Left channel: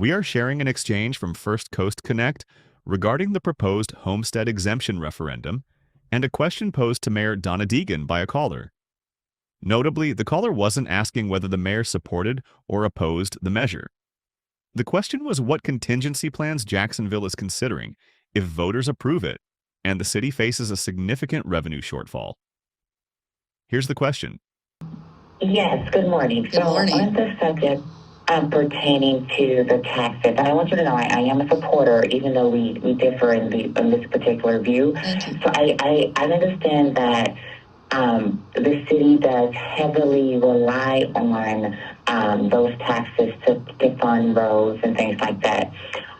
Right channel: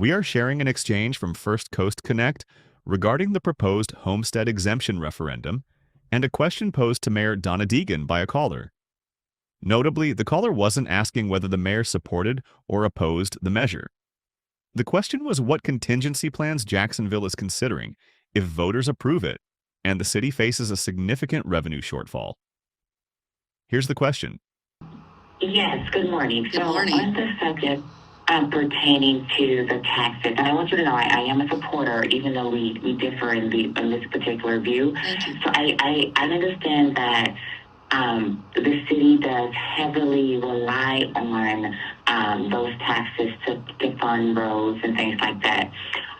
We are sharing an exchange from First Coast Connect regarding the proposed Homestead Exemption Referendum and a question posed to Mayor Donna Deegan by a caller. Notably, the caller wasn't asking whether the mayor supported or opposed the measure. The question was what contingency plans Jacksonville is considering if voters approve it and the city faces a significant revenue shortfall. Here's the question. Yes, good morning. Good morning. On the subject pertaining to the taxes, and I want you to know I am a supporter, even though we differ in this particular view. Thank you. So I understand that the city does heavily rely on those taxes to fund roads and things like that.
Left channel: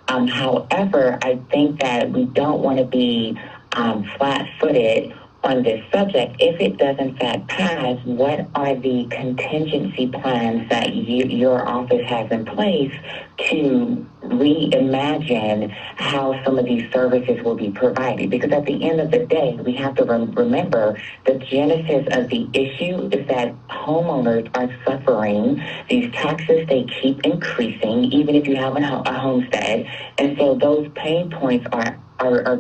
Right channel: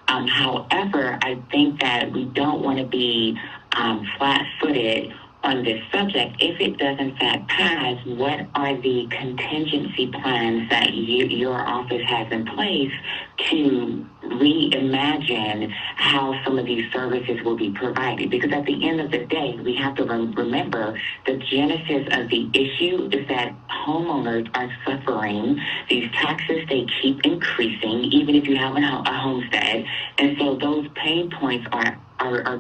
However, I think that we don't want to be flat-footed on this subject. If it does in fact pass, what are the contingency plans that your office has in place to reimagine how some of these services will be provided? Because at the end of the day, we have to remember the genesis of the issue is that homeowners are suffering. These taxes, they keep increasing, even if you have a homestead. And so those pain points are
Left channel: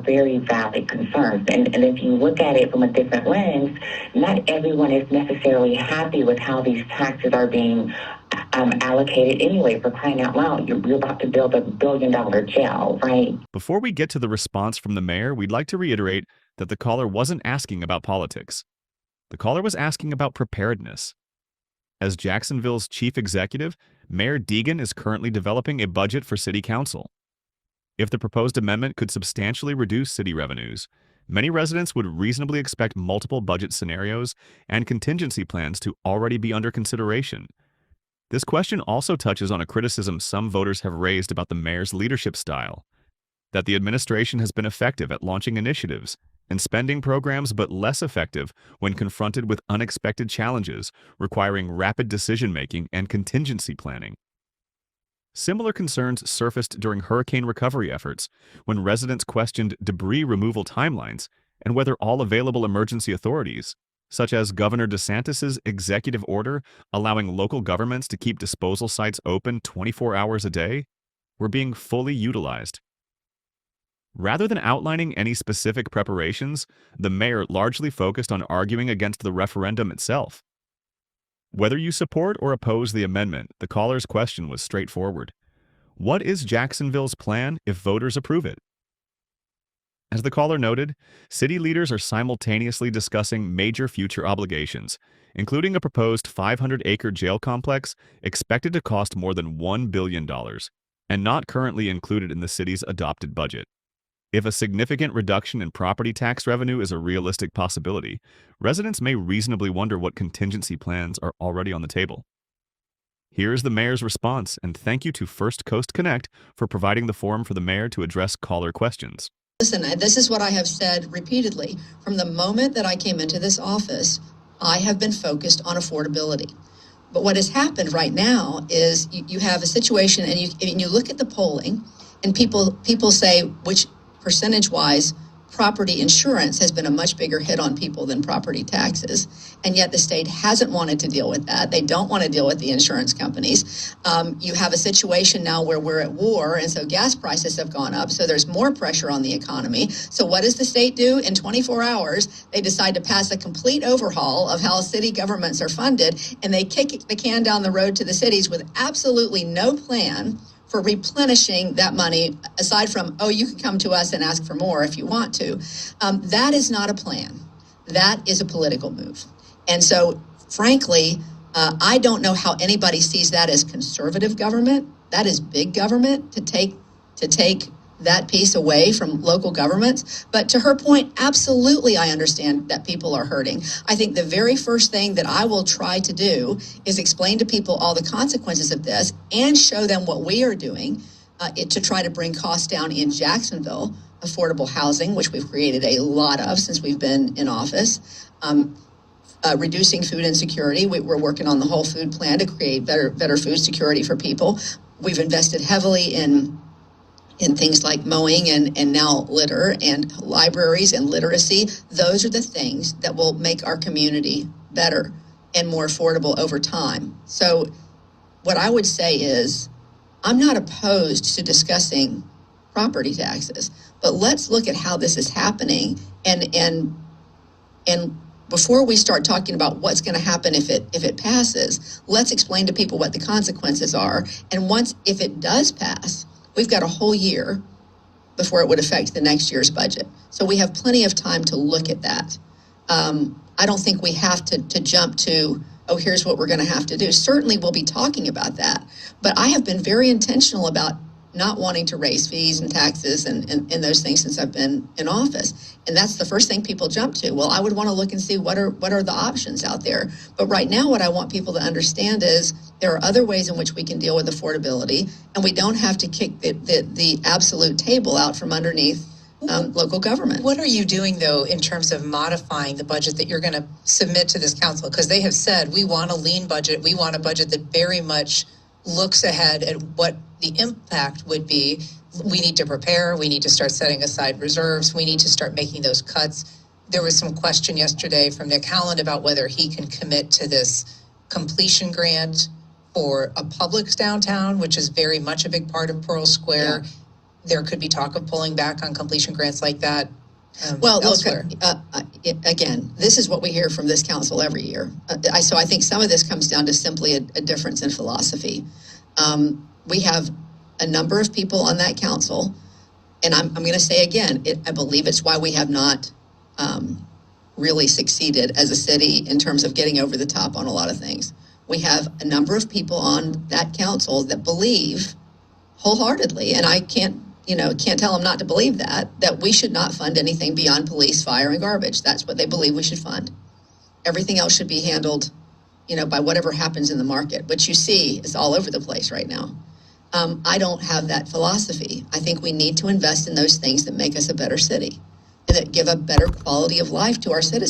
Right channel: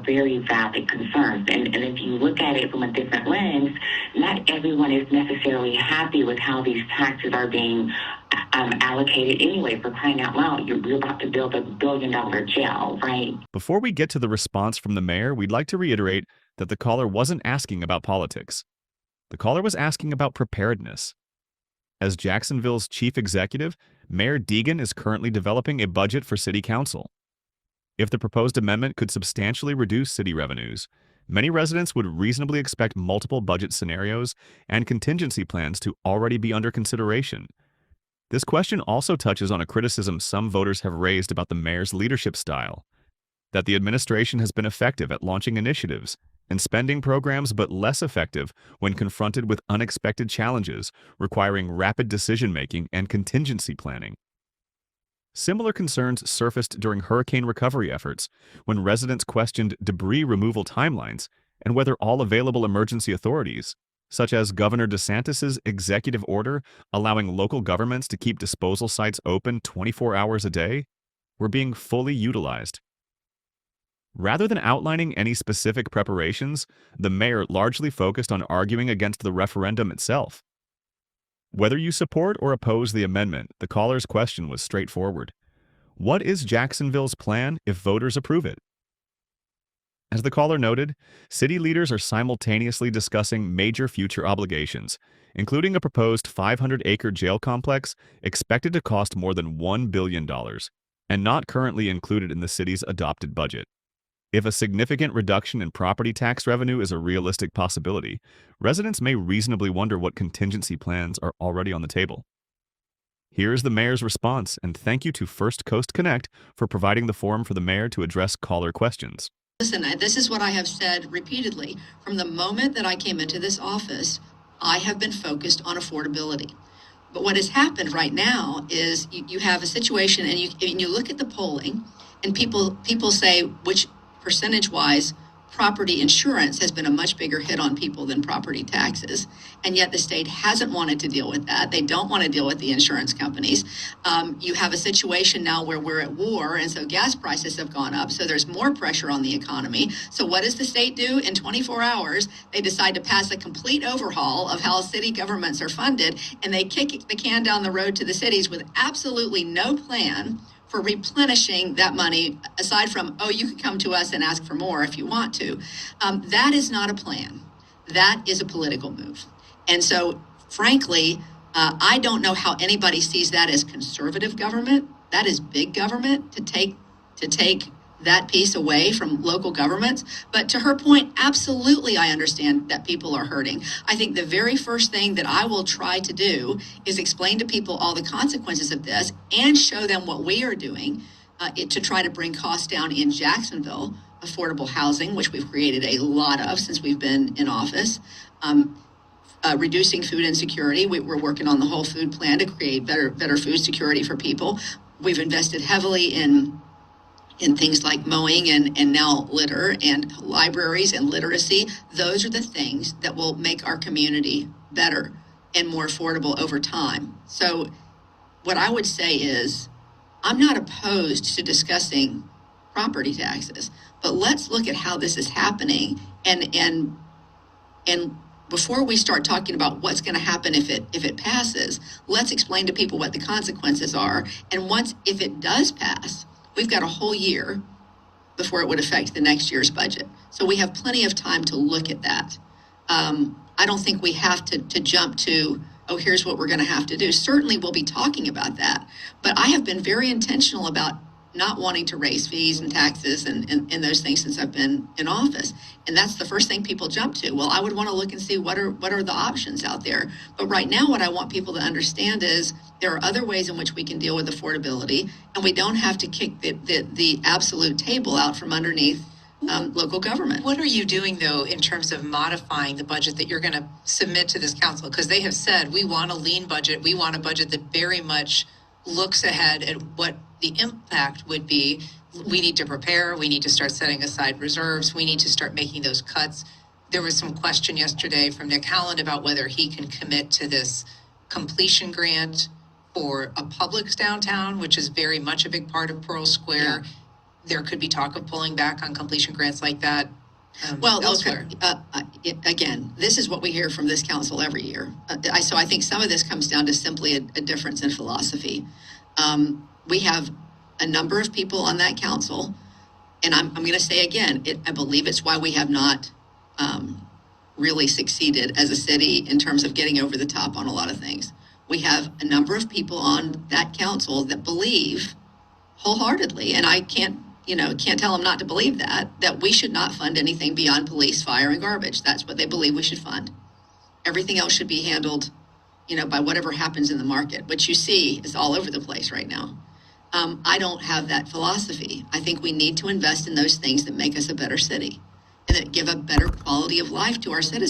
very valid concerns. And if you look at it from a different lens, not everyone is necessarily happy with how these taxes are being allocated anyway. For crying out loud, you're about to build $1 billion jail, right? Before we get to the response from the mayor, we'd like to reiterate that the caller wasn't asking about politics. The caller was asking about preparedness. As Jacksonville's chief executive, Mayor Deegan is currently developing a budget for city council. If the proposed amendment could substantially reduce city revenues, many residents would reasonably expect multiple budget scenarios and contingency plans to already be under consideration. This question also touches on a criticism some voters have raised about the mayor's leadership style, that the administration has been effective at launching initiatives and spending programs but less effective when confronted with unexpected challenges requiring rapid decision-making and contingency planning. Similar concerns surfaced during hurricane recovery efforts when residents questioned debris removal timelines and whether all available emergency authorities, such as Governor DeSantis' executive order allowing local governments to keep disposal sites open 24 hours a day, were being fully utilized. Rather than outlining any specific preparations, the mayor largely focused on arguing against the referendum itself. Whether you support or oppose the amendment, the caller's question was straightforward. What is Jacksonville's plan if voters approve it? As the caller noted, city leaders are simultaneously discussing major future obligations, including a proposed 500-acre jail complex expected to cost more than $1 billion and not currently included in the city's adopted budget. If a significant reduction in property tax revenue is a realistic possibility, residents may reasonably wonder what contingency plans are already on the table. Here is the mayor's response, and thank you to First Coast Connect for providing the forum for the mayor to address caller questions. Listen, this is what I have said repeatedly. From the moment that I came into this office, I have been focused on affordability. But what has happened right now is you have a situation, and you look at the polling, and people say which percentage-wise, property insurance has been a much bigger hit on people than property taxes. And yet the state hasn't wanted to deal with that. They don't want to deal with the insurance companies. You have a situation now where we're at war, and so gas prices have gone up. So there's more pressure on the economy. So what does the state do? In 24 hours, they decide to pass a complete overhaul of how city governments are funded, and they kick the can down the road to the cities with absolutely no plan for replenishing that money, aside from, oh, you could come to us and ask for more if you want to. That is not a plan. That is a political move. And so, frankly, I don't know how anybody sees that as conservative government. That is big government to take that piece away from local governments. But to her point, absolutely, I understand that people are hurting. I think the very first thing that I will try to do is explain to people all the consequences of this and show them what we are doing to try to bring costs down in Jacksonville, affordable housing, which we've created a lot of since we've been in office. Reducing food insecurity. We're working on the whole food plan to create better food security for people. We've invested heavily in things like mowing and now litter and libraries and literacy. Those are the things that will make our community better and more affordable over time. So what I would say is I'm not opposed to discussing property taxes, but let's look at how this is happening, and before we start talking about what's going to happen if it passes, let's explain to people what the consequences are. And if it does pass, we've got a whole year before it would affect the next year's budget. So we have plenty of time to look at that. I don't think we have to jump to, oh, here's what we're going to have to do. Certainly we'll be talking about that, but I have been very intentional about not wanting to raise fees and taxes and those things since I've been in office. And that's the first thing people jump to. Well, I would want to look and see what are the options out there. But right now, what I want people to understand is there are other ways in which we can deal with affordability, and we don't have to kick the absolute table out from underneath local government. What are you doing, though, in terms of modifying the budget that you're going to submit to this council? Because they have said, we want a lean budget. We want a budget that very much looks ahead at what the impact would be. We need to prepare. We need to start setting aside reserves. We need to start making those cuts. There was some question yesterday from Nick Howland about whether he can commit to this completion grant for a Publix downtown, which is very much a big part of Pearl Square. Yeah. There could be talk of pulling back on completion grants like that. Well, elsewhere. Look, again, this is what we hear from this council every year. So I think some of this comes down to simply a difference in philosophy. We have a number of people on that council, and I'm going to say again, I believe it's why we have not really succeeded as a city in terms of getting over the top on a lot of things. We have a number of people on that council that believe wholeheartedly, and I can't tell them not to believe that we should not fund anything beyond police, fire, and garbage. That's what they believe we should fund. Everything else should be handled, by whatever happens in the market, which you see is all over the place right now. I don't have that philosophy. I think we need to invest in those things that make us a better city and that give a better quality of life to our citizens.